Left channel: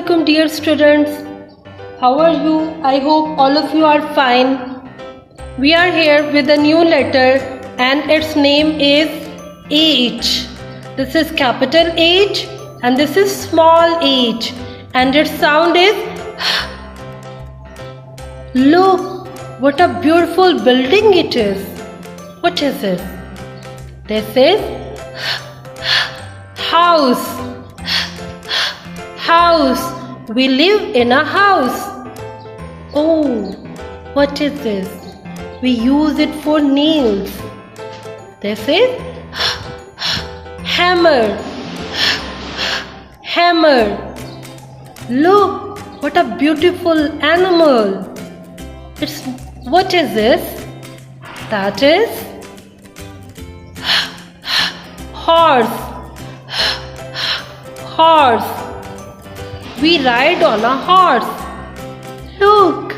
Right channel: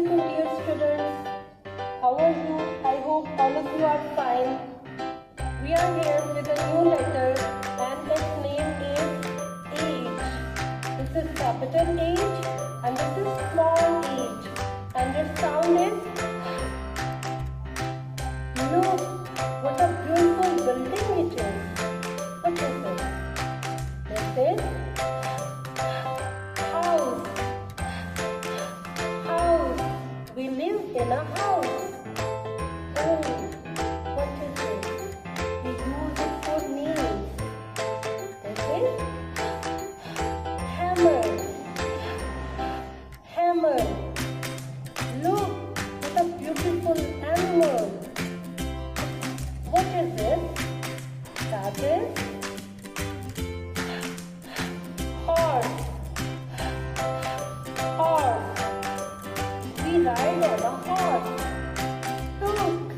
Assalamualaikum dear students. How are you? I hope all of you are fine. We are here with a new letter and its name is H. This is capital H and this is small h and its sound is Look, what a beautiful building it is. What is it? This is house. House. We live in a house. Oh, what is this? We use it for nails. This is hammer. Hammer. Look, what a beautiful animal. What is this? That is horse. Horse. We ride on a horse. Look,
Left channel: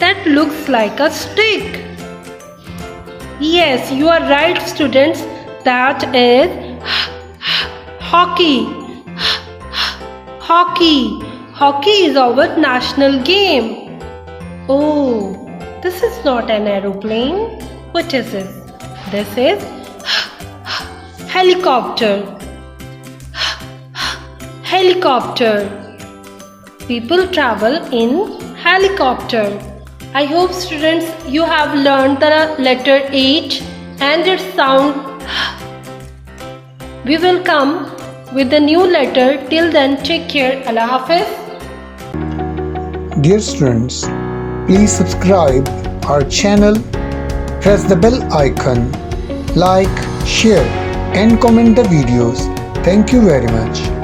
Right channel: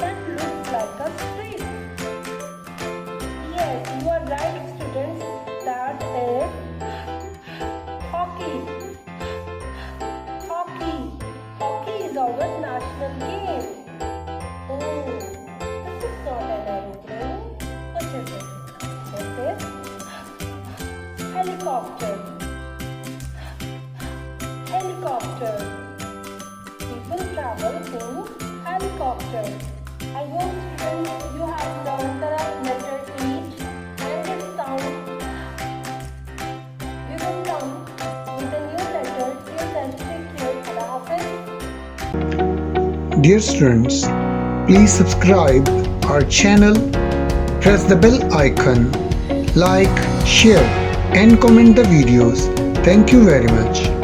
that looks like a stick. Yes, you are right, students. That is hockey. Hockey. Hockey is our national game. Oh, this is not an aeroplane. What is it? This is helicopter. Helicopter. People travel in helicopter. I hope students you have learned the letter H and its sound. We will come with a new letter. Till then, take care. Allah Hafiz. Dear students, please subscribe our channel, press the bell icon, like, share and comment the videos. Thank you very much.